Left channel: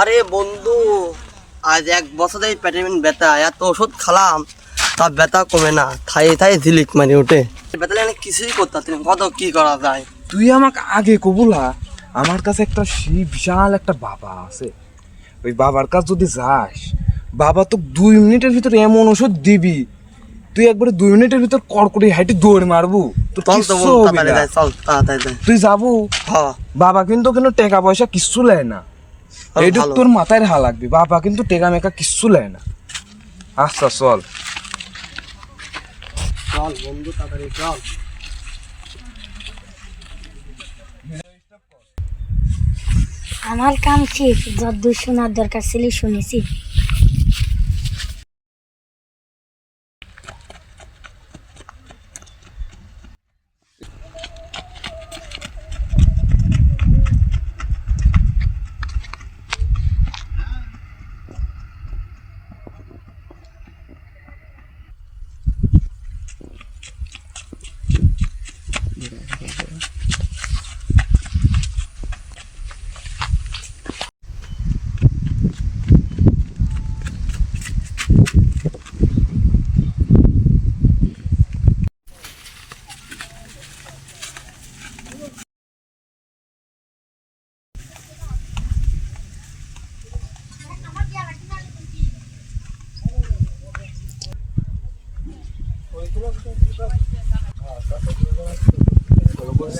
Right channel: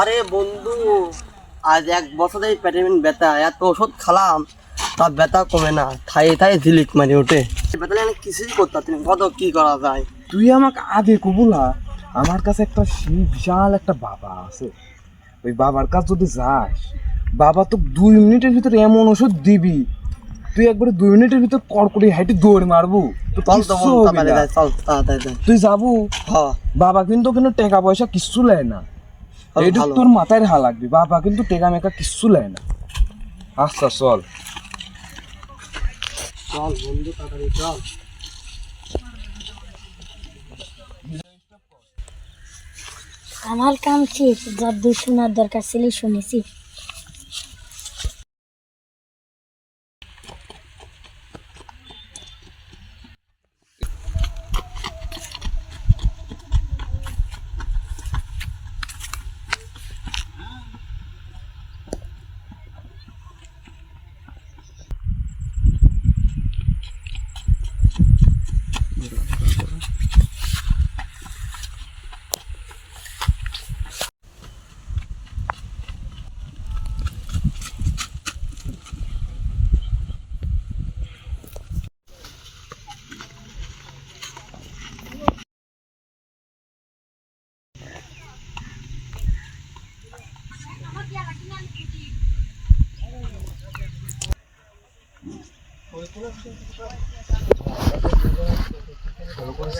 আরে বন্ধু, আজ 1 বছর ধরে পেটে ব্যথা, এত ওষুধ খালাম তা ব্যথা কমে না, থাই থাই ঝিলিক মানে ওঠে। ব্যথা লাগলে কিছুই করতে পারছি না, কত কি করা যায়। তুই আমাকে আগে কবুলা, আমার কাছে একটা সেই বিশাল একটা বাবা আছে। ওই বাবার কাছে যদি যাস, বাবা তো 2 মিনিটের ভিতরে এমন ওষুধ দিবি, তুই একবারে 2 মিনিটের ভিতর কড়কড়ি হাইটে দৌড় মারবো, তোর চল তো কিচ্ছু বন্ধু, হবে তাড়াতাড়ি না। যাই, চল তাড়াতাড়ি যাই। তুই যাবো? হ্যাঁ, বাবা কিন্তু টাকা পয়সা কিচ্ছু নেয় না, এইটুক ভালো। তোর মাথায় হা লাগবে। বাবা কিন্তু টেকা মেকা কিচ্ছু নেয় না। আচ্ছা চল। চল বন্ধু, তাড়াতাড়ি চল। আমার কাম ঠিক, যদ্দূর শোনার দরকার ছিল শুনেছি।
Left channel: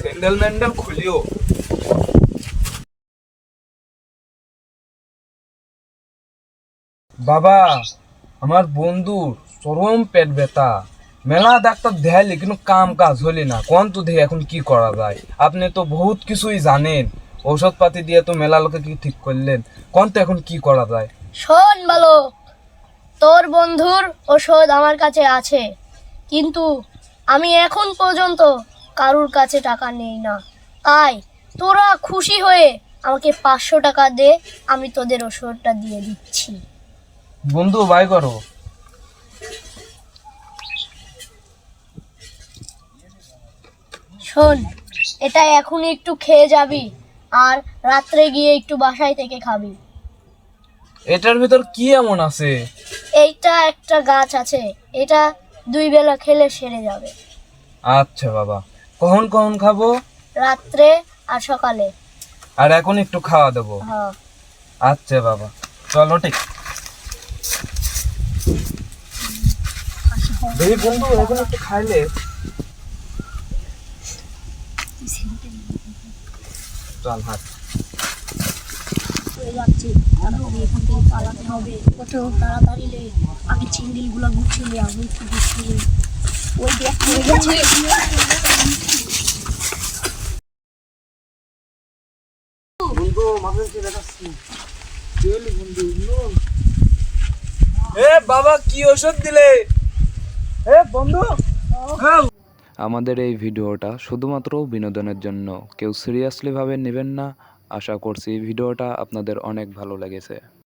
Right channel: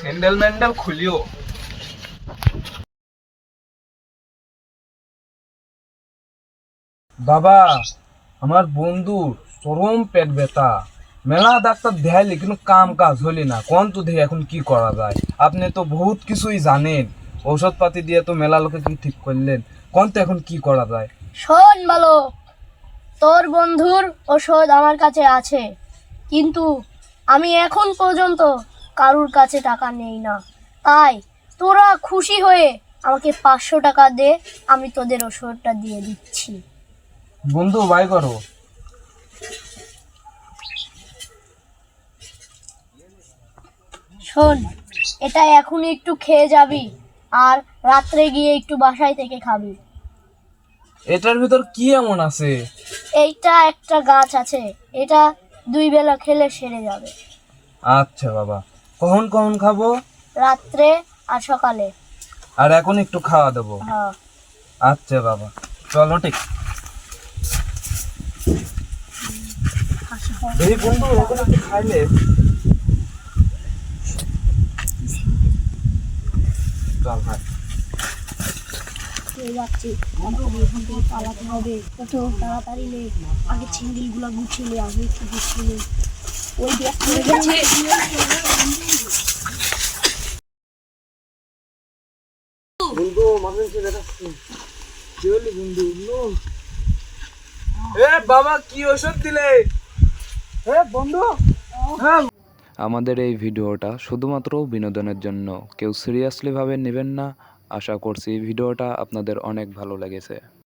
স্যান্ডেল ম্যান্ডেল খুলিও। বাবা, আমার বন্ধুর চরম পেট ব্যথা, মেলা ডাক্তার দেখাইলে কিন্তু কাম কাজ হলি না। কোন তো দেখি এখন কি করা যায়? আপনি তো বহুত কিছুই জানেন, ঔষধ পাতি দিয়ে তো মেলা লোকে কি ঠিক করলেন। কোন তো এখন কি করা যায়? শোন বালক, তোর বন্ধুর ওষুধ আমার কাছে আছে, কিন্তু আমি এখন পর্যন্ত কারুর কাছে টাকা নেই না। তাই তোরা খুশি হয়ে আমাকে 500 টাকা দে, আমি তোদের ওষুধটা দিয়ে দিচ্ছি। বন্ধু বাই করো। শোন, এটা এখন একটু খেয়ে যাবি, আর রাত্রে গিয়ে একটু বাসায় থেকে খাবি। এটার ভিতর কি এমন আছে? এইটা একটা গাছ আছে, এটা 2 বেলা খেলে সেরে যাবে। আচ্ছা বাবা, কখন কখন খাবো? রাত্রে আর সকালে। আর এখন একটু খাওয়া দেবো? হ্যাঁ। আচ্ছা বাবা, চলো ঠিক। দেখি বন্ধু, এখন একটু খাইলে। চল হাট। যাচ্ছি, তাড়াতাড়ি এখান থেকে পালাতে হবে। ওঠো তাড়াতাড়ি, লে আগে চিন্দিল গুলা গুছিয়ে আমি একটু গুছিয়ে ওই ব্যাগ পড়ে গেছে। বন্ধু, মাঝে মাঝে দেখাচ্ছি। এ বাবা, কি ওষুধ দিলে? এ বন্ধু। আমাদের এই ভিডিওটা শুধুমাত্র বিনোদনের জন্য, কেউ সিরিয়াসলি ভাবে নেবেন না। আশা করছি ভিডিওটা আপনাদের অনেক ভালো লেগেছে।